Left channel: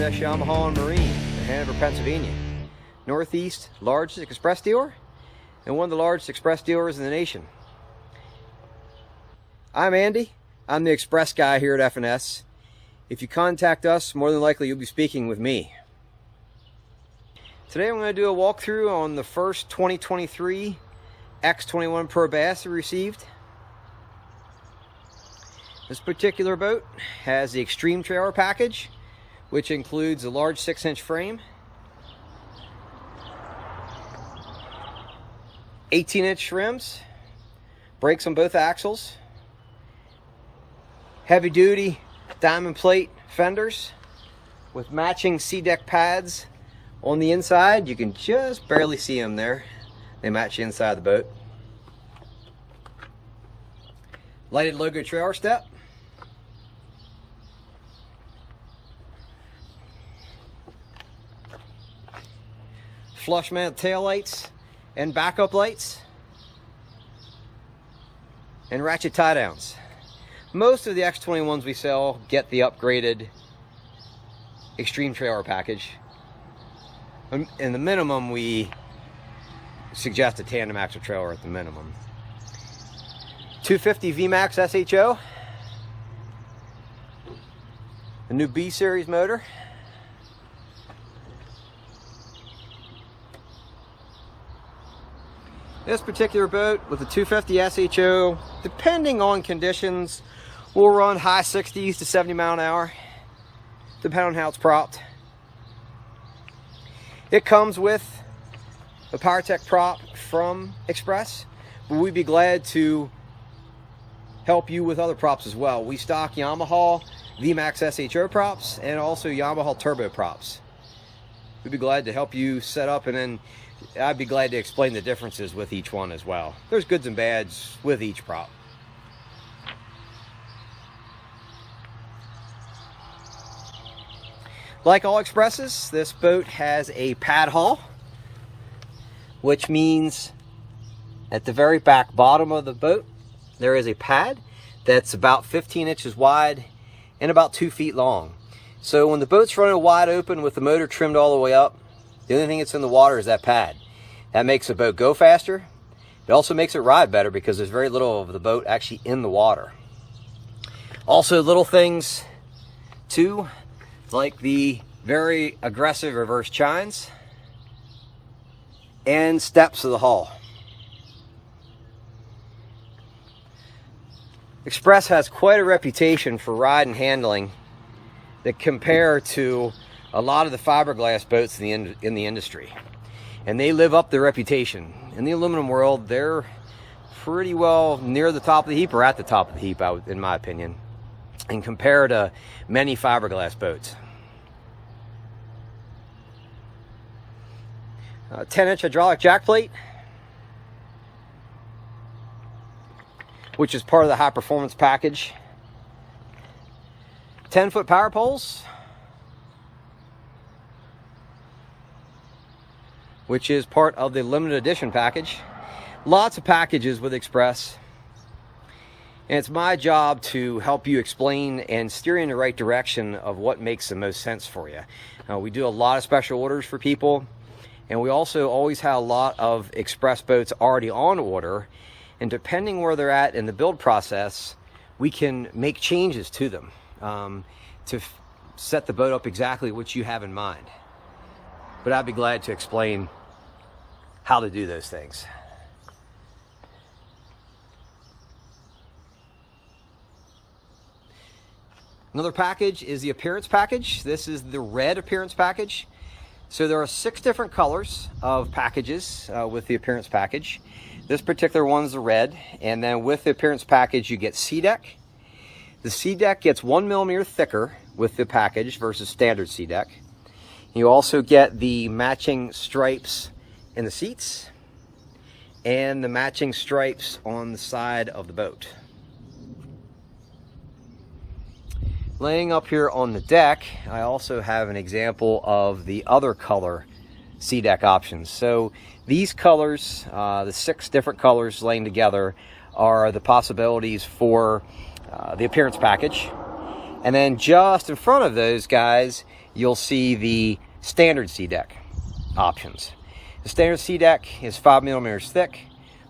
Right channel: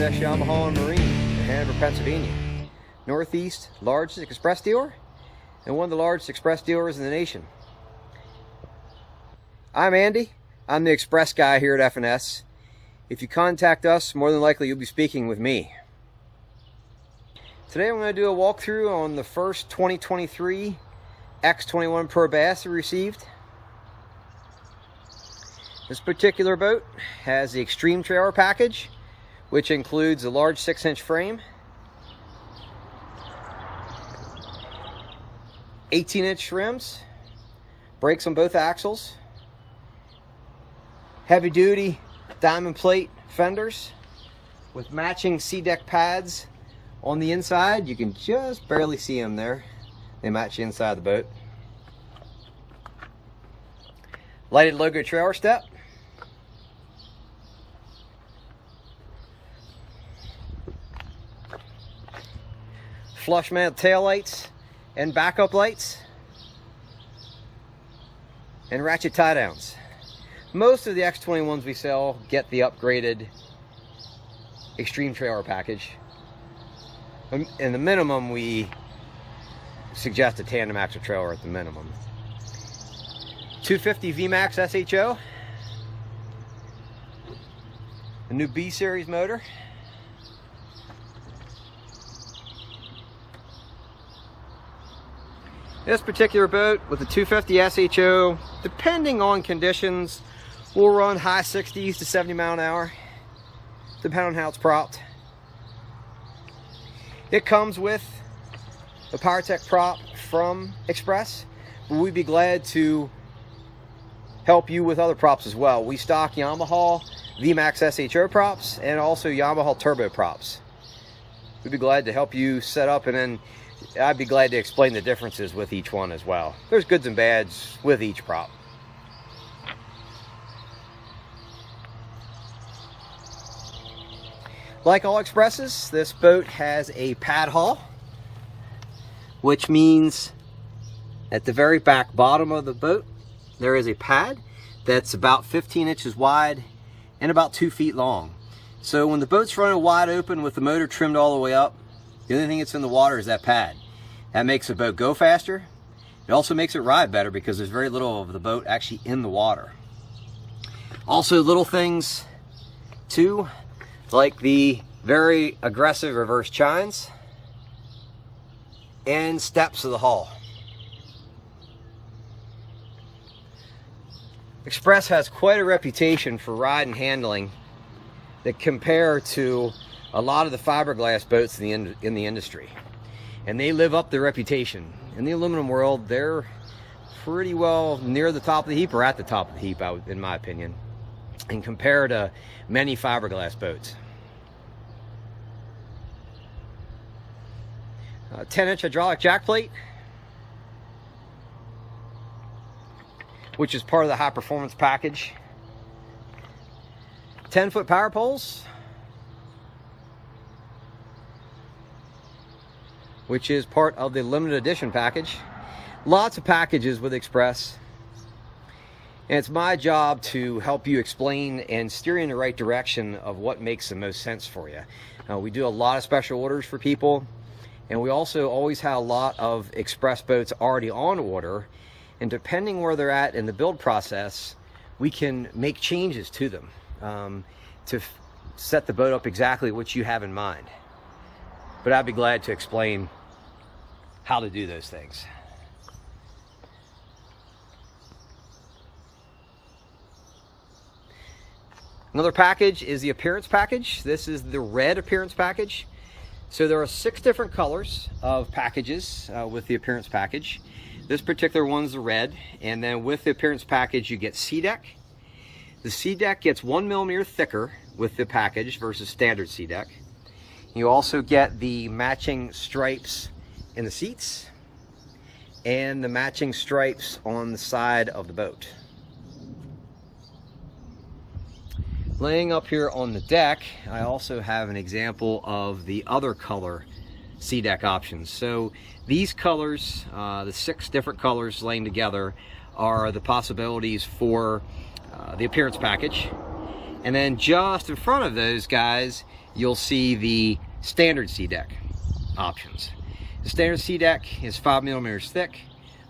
S Yamaha and Marine in Hanover, Pennsylvania. Northeast largest express dealer and one of the largest express dealers in the nation. I'm Andy. I'm the express guy here at F&S. If you contact us, more than likely you'll be speaking with me. Today I'm going to do a walkthrough on the first 2023 X21 Pro Bass we received. This particular boat has the Extreme Trailer package, which includes a large 6-inch frame, 18-inch rims, brakes on both axles, heavy-duty diamond plate fenders with matching C-deck pads on the inside. You can just barely see them there. They match the inside of the boat. Lighted logo trailer step. Flush mount tail lights and backup lights. And ratchet tie downs. Most of the X21s we sell get the upgraded Extreme Trailer package. In the minimum, we suggest a tandem axle trailer at the minimum. 250 Vmax SHO. The new B series motor. This particular boat with the 250 SHO, depending on conditions, will run high 60s to 70 mile an hour, depending on how it's propped. It comes with a PowerTech prop from Xpress, but we'd be glad to help you with other props as well. We stock Yamaha Vmax SHO props and also Yamaha turbo props. We'd be glad to help you set up, and then I'd be glad to explain the differences with each one as well. There's goods and bads with each prop. Like all Xpresses, this boat has a pad hull, which means at the very back bottom of the boat, there is a pad that's about 15 inches wide and about 2 feet long. So when the boat's running wide open with the motor trimmed all the way up, the only thing that's in the water is that pad. That makes the boat go faster. It also makes it ride better because there's very little of the boat actually in the water. Also, little things too, like the very aggressive reverse chines and steps of the hull. Xpress has quite a reputation for ride and handling that compare to a lot of the fiberglass boats in the industry, and they live up their reputation. In the aluminum world, they're pretty well near the top of the heap, or at the top of the heap, in my opinion, and compared to many fiberglass boats. 10-inch hydraulic jack plate, which is part of the high performance package. 10-foot power poles, which is part of the limited edition package. Lots of packages with Xpress, and it's my job to help you explain and steer you in the right direction of what makes the most sense for you. We do a lot of special orders for people, and we also always have a lot of Xpress boats already on order, and depending where they're at in the build process, we can make changes to them to set the boat up exactly what you have in mind. But I'd be glad to explain how to do those things. Another package is the appearance package. This is the red appearance package. So there are 6 different colors of packages with the appearance package. This particular one's the red, and then with the appearance package you get C-deck. The C-deck gets 1 millimeter thicker with the package versus standard C-deck. You also get the matching stripes in the seats and the matching stripes on the side of the boat. Laying up here on the deck, I also have an example of the other color C-deck options. So these colors, the 6 different colors laying together, are the possibilities for the appearance package. And then just in front of those guys, you'll see the standard sea deck options. The standard sea deck is 5 millimeters thick.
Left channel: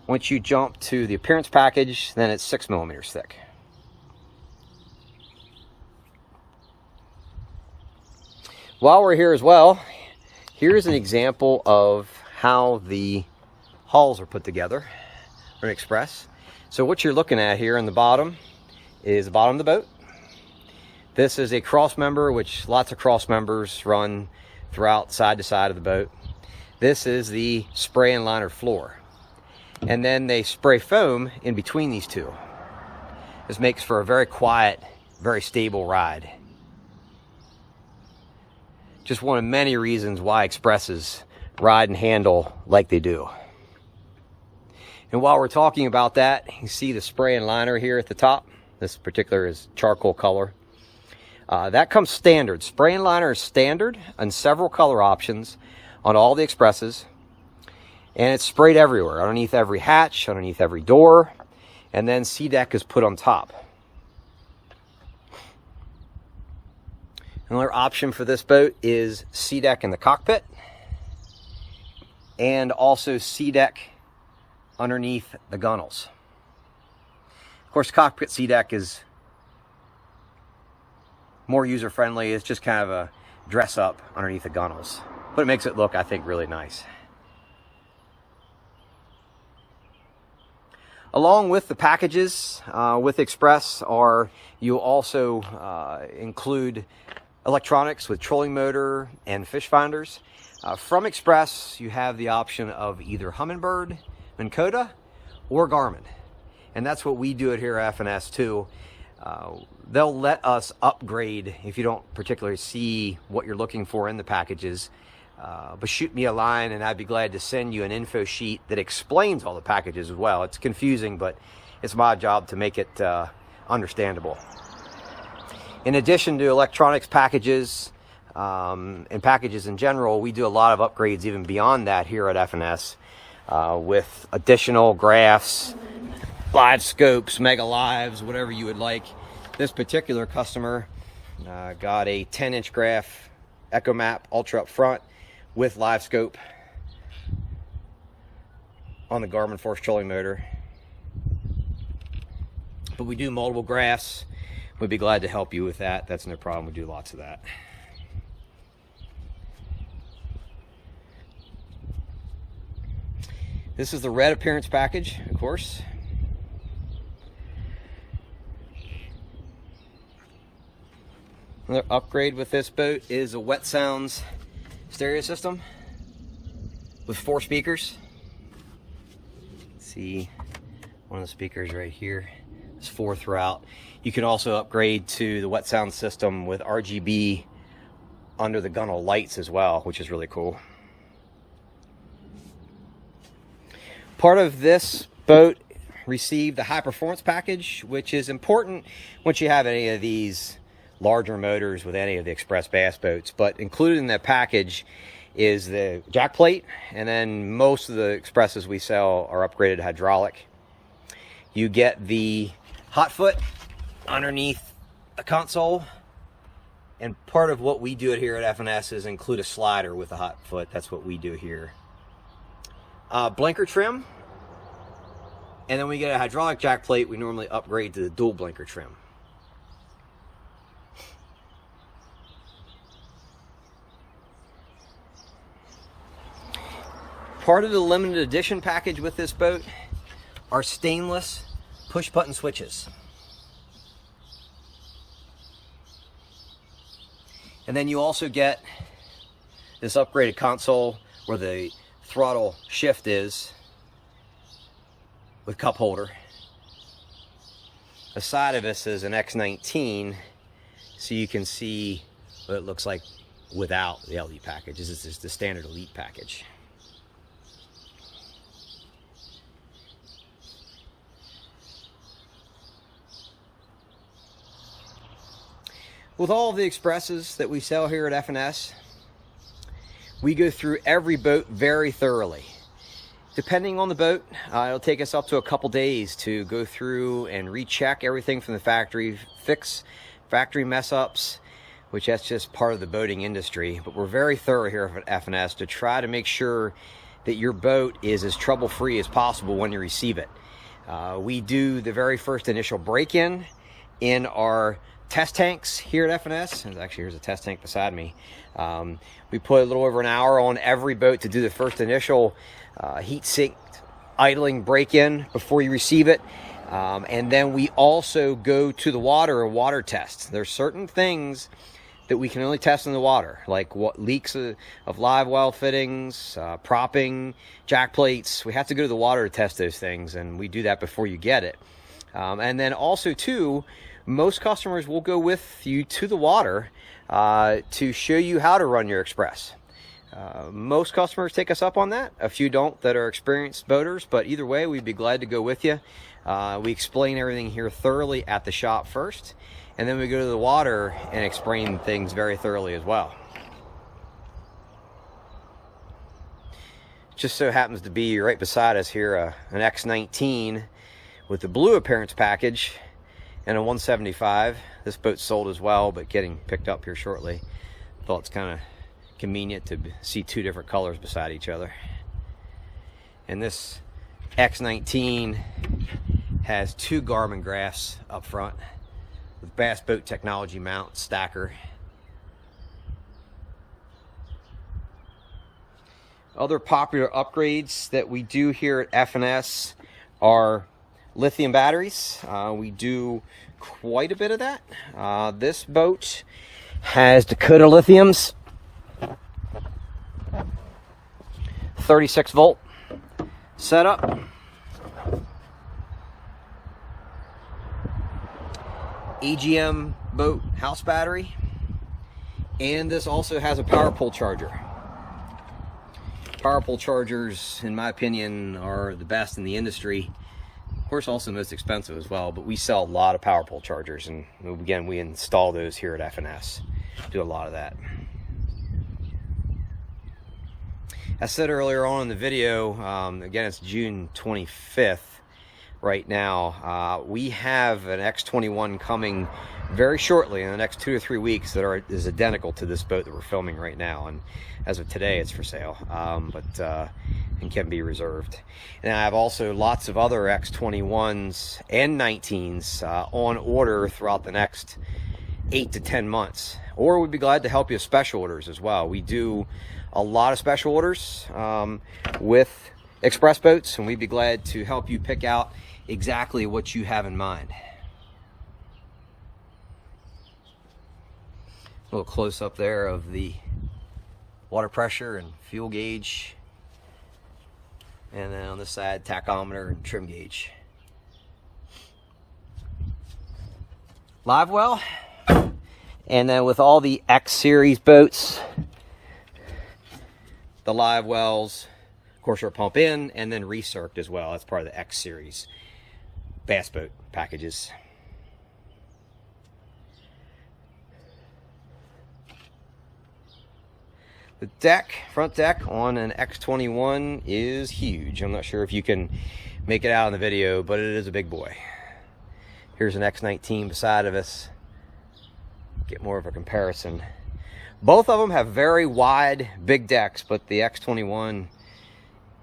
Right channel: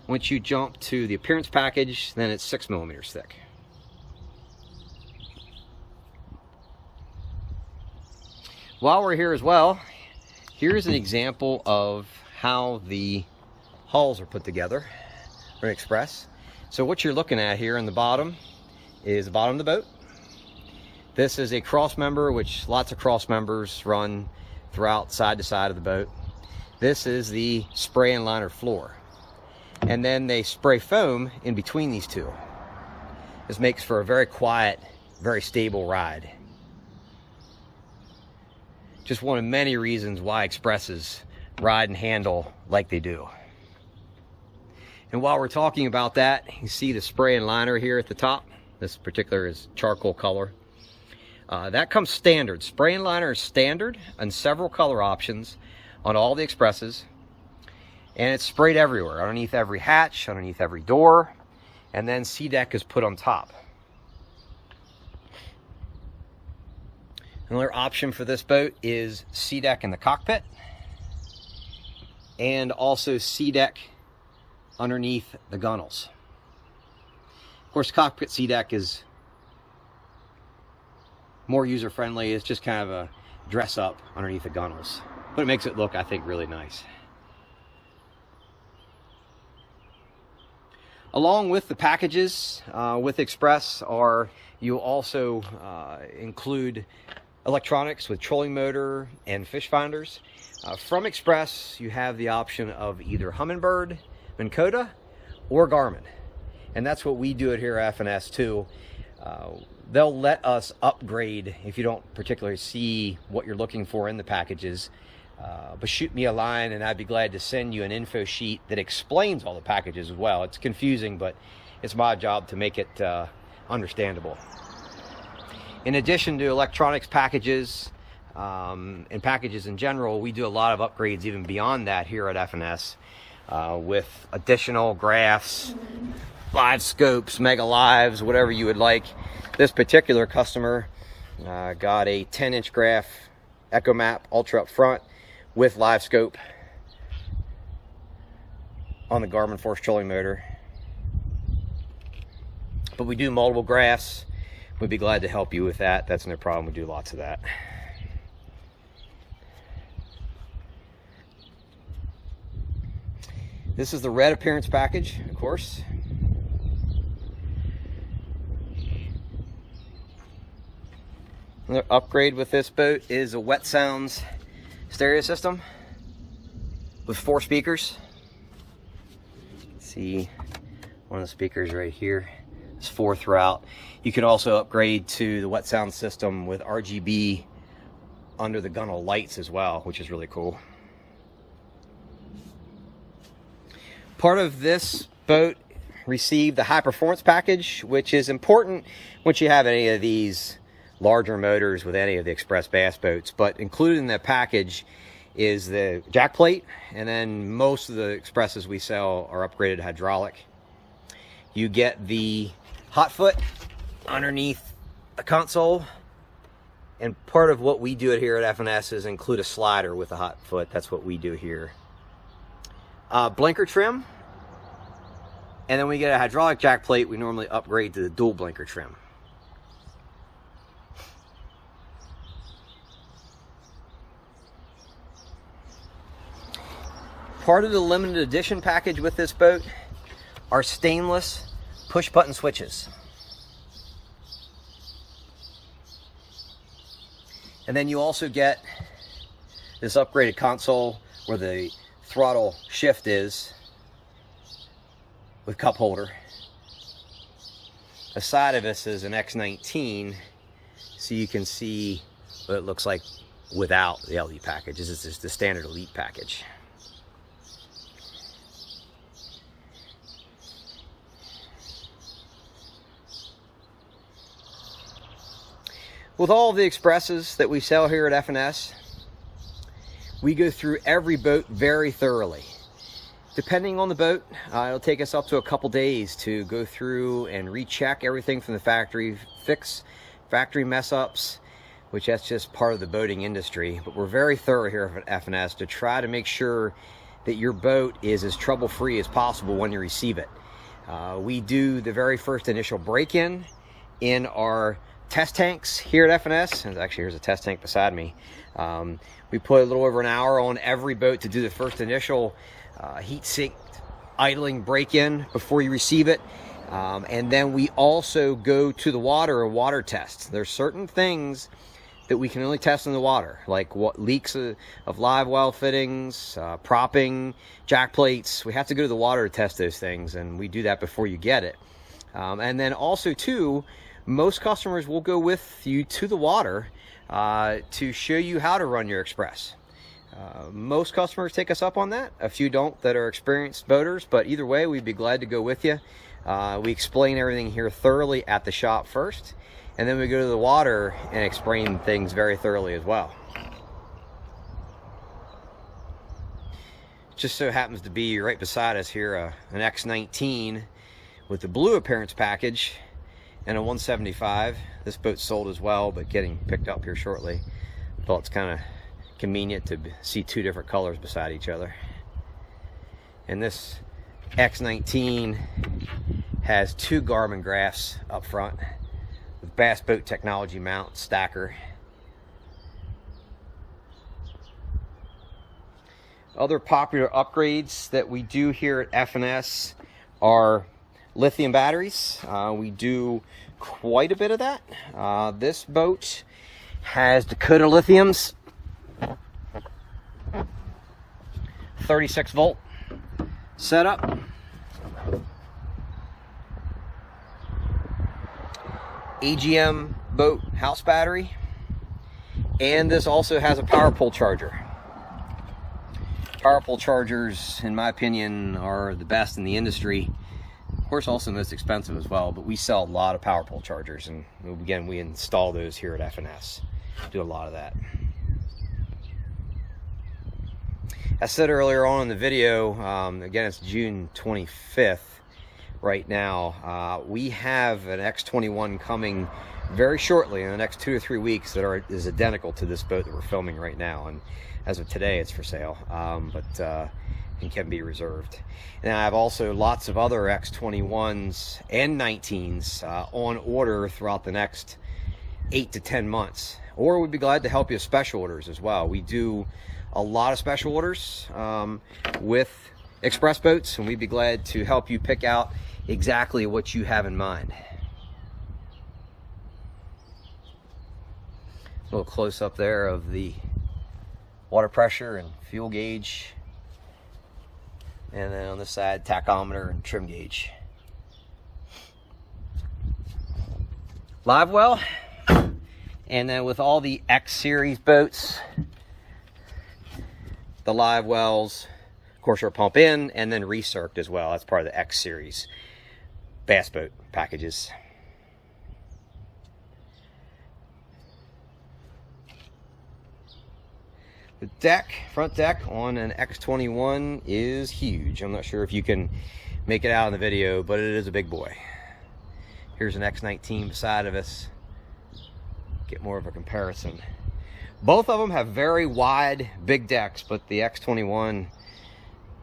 Once you jump to the appearance package, then it's 6 millimeters thick. While we're here as well, here's an example of how the hulls are put together from Xpress. So what you're looking at here in the bottom is the bottom of the boat. This is a cross member, which lots of cross members run throughout side to side of the boat. This is the spray and liner floor. And then they spray foam in between these two. This makes for a very quiet, very stable ride. Just one of many reasons why Xpresses ride and handle like they do. And while we're talking about that, you see the spray and liner here at the top. This particular is charcoal color. That comes standard. Spray and liner is standard on several color options on all the Xpresses. And it's sprayed everywhere, underneath every hatch, underneath every door. And then sea deck is put on top. Another option for this boat is sea deck in the cockpit. And also sea deck underneath the gunnels. Of course, cockpit sea deck is more user-friendly. It's just kind of a dress-up underneath the gunnels. But it makes it look, I think, really nice. Along with the packages with Xpress, you also include electronics with trolling motor and fish finders. From Xpress, you have the option of either Humminbird, Minn Kota, or Garmin. And that's what we do it here at FNS too. They'll let us upgrade if you don't particularly see what you're looking for in the packages. But shoot me a line and I'd be glad to send you an info sheet that explains all the packages as well. It's confusing, but it's my job to make it understandable. In addition to electronics packages and packages in general, we do a lot of upgrades even beyond that here at FNS with additional graphs, live scopes, mega lives, whatever you would like. This particular customer got a 10-inch graph Echo Map Ultra up front with live scope on the Garmin Force trolling motor. But we do multiple graphs. We'd be glad to help you with that. That's no problem. We do lots of that. This is the red appearance package, of course. Another upgrade with this boat is a Wet Sounds stereo system with 4 speakers. See one of the speakers right here. There's 4 throughout. You can also upgrade to the Wet Sound system with RGB under the gunnel lights as well, which is really cool. Part of this boat received the high performance package, which is important once you have any of these larger motors with any of the Xpress bass boats. But included in that package is the jack plate, and then most of the Xpresses we sell are upgraded hydraulic. You get the hot foot underneath the console, and part of what we do it here at FNS is include a slider with a hot foot. That's what we do here. Blinker trim, and then when we get a hydraulic jack plate, we normally upgrade to the dual blinker trim. Part of the limited edition package with this boat are stainless push button switches. And then you also get this upgraded console where the throttle shift is with cup holder. Aside of this is an X19, so you can see what it looks like without the LE package. This is just the standard Elite package. With all of the Xpresses that we sell here at FNS, we go through every boat very thoroughly. Depending on the boat, it'll take us up to a couple days to go through and recheck everything from the factory, fix factory mess ups. which that's just part of the boating industry. But we're very thorough here at F&S to try to make sure that your boat is as trouble-free as possible when you receive it. We do the very first initial break-in in our test tanks here at F&S. And actually, here's a test tank beside me. We put a little over an hour on every boat to do the first initial heat sink idling break-in before you receive it. And then we also go to the water and water test. There's certain things that we can only test in the water, like what leaks of live well fittings, propping, jack plates. We have to go to the water to test those things, and we do that before you get it. And then also too, most customers will go with you to the water to show you how to run your Xpress. Most customers take us up on that. A few don't that are experienced boaters, but either way, we'd be glad to go with you. We explain everything here thoroughly at the shop first, and then we go to the water and explain things very thoroughly as well. Just so happens to be right beside us here an X19 with the blue appearance package and a 175. This boat's sold as well, but getting picked up here shortly. Thought it's kind of convenient to see two different colors beside each other. And this X19 has two Garmin graphs up front with Bass Boat Technology mount stacker. Other popular upgrades that we do here at F&S are lithium batteries. We do quite a bit of that. This boat has Dakota lithiums, 36 volt setup. AGM boat house battery, and this also has a power pole charger. Power pole chargers, in my opinion, are the best in the industry. Of course, also most expensive as well, but we sell a lot of power pole chargers, and again, we install those here at F&S. Do a lot of that. As said earlier on in the video, again, it's June 25th. Right now, we have an X21 coming very shortly in the next 2 to 3 weeks that is identical to this boat that we're filming right now, and as of today it's for sale, and can be reserved. And I have also lots of other X21s and 19s on order throughout the next 8 to 10 months, or we'd be glad to help you with special orders as well. We do a lot of special orders with Xpress boats, and we'd be glad to help you pick out exactly what you have in mind. A little close up there of the water pressure and fuel gauge, and then on this side, tachometer and trim gauge. Live well, and then with all the X series boats, the live wells, of course, are pump in and then recirced as well. That's part of the X series bass boat packages. The deck, front deck on an X21 is huge. I'm not sure if you can make it out in the video, but it is a big boy. Here's an X19 beside of us. Get more of a comparison. Both of them have very wide, big decks, but the X21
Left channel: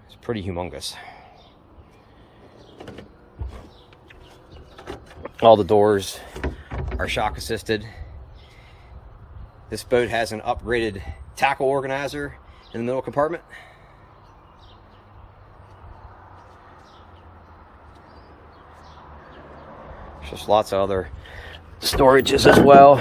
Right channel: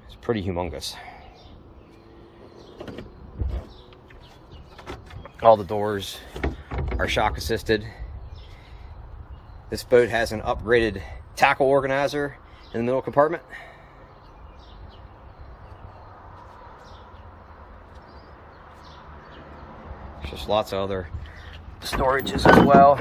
is pretty humongous. All the doors are shock assisted. This boat has an upgraded tackle organizer in the middle compartment. Just lots of other storages as well.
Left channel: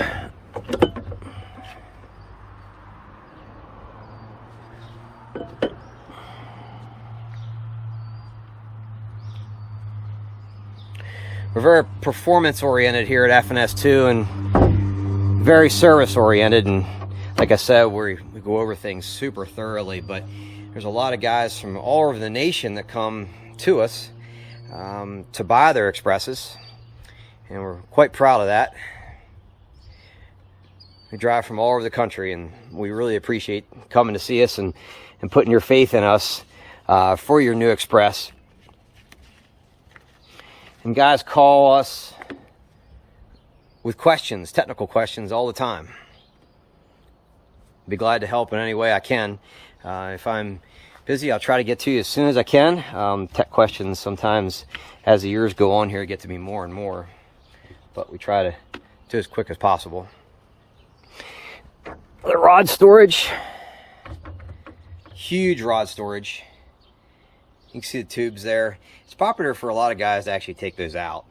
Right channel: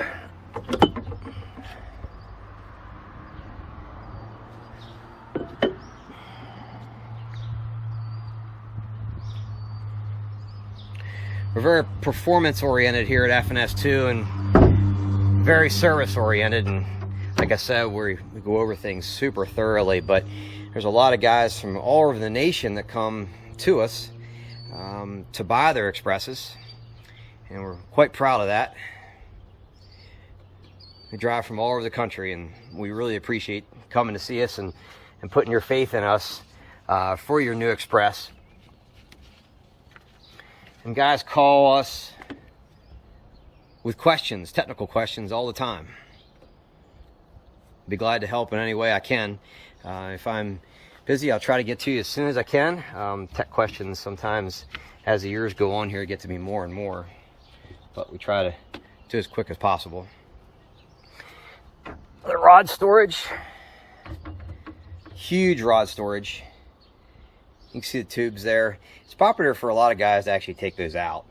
We're very performance oriented here at F&S too, and very service oriented, and like I said, we go over things super thoroughly, but there's a lot of guys from all over the nation that come to us to buy their Xpresses, and we're quite proud of that. We drive from all over the country, and we really appreciate coming to see us and putting your faith in us for your new Xpress. And guys call us with questions, technical questions all the time. be glad to help in any way I can. If I'm busy, I'll try to get to you as soon as I can. Tech questions sometimes, as the years go on here, get to be more and more, but we try to do as quick as possible. The rod storage, huge rod storage. You can see the tubes there. It's popular for a lot of guys to actually take those out,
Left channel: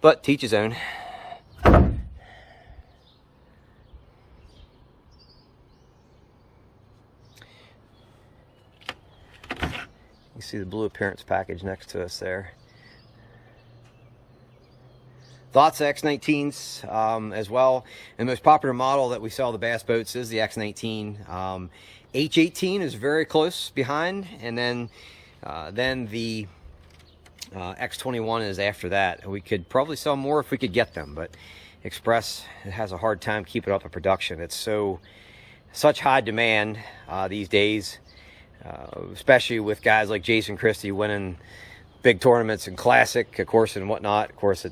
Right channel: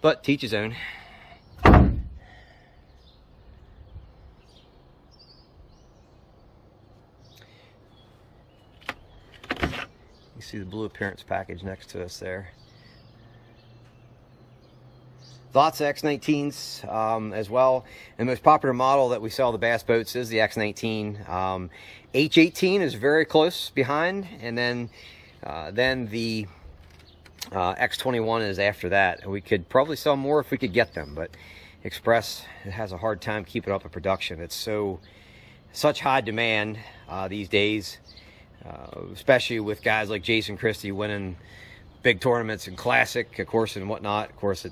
but to each his own. You see the blue appearance package next to us there. Lots of X19s as well. And the most popular model that we sell the bass boats is the X19. H18 is very close behind, and then the X21 is after that. We could probably sell more if we could get them, but Xpress has a hard time keeping up with production. It's such high demand these days, especially with guys like Jason Christie winning big tournaments and classic, of course, and whatnot. Of course,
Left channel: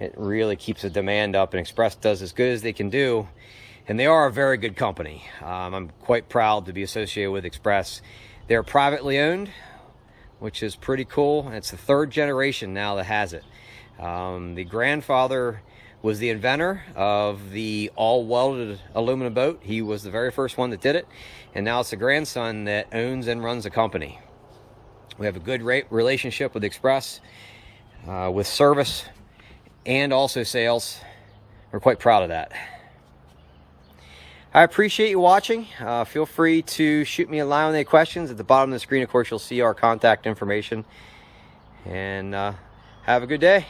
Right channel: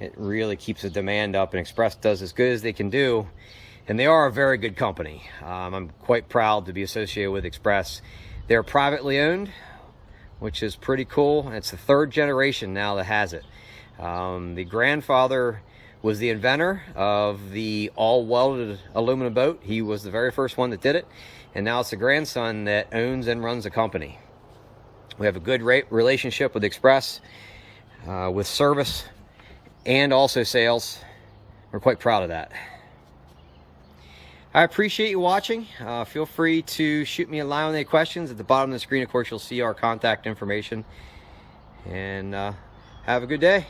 it really keeps the demand up, and Xpress does as good as they can do, and they are a very good company. I'm quite proud to be associated with Xpress. They're privately owned, which is pretty cool. It's the third generation now that has it. The grandfather was the inventor of the all-welded aluminum boat. He was the very first one that did it, and now it's the grandson that owns and runs the company. We have a good relationship with Xpress, with service and also sales. We're quite proud of that. I appreciate you watching. Feel free to shoot me a line with any questions. At the bottom of the screen, of course, you'll see our contact information. And have a good day.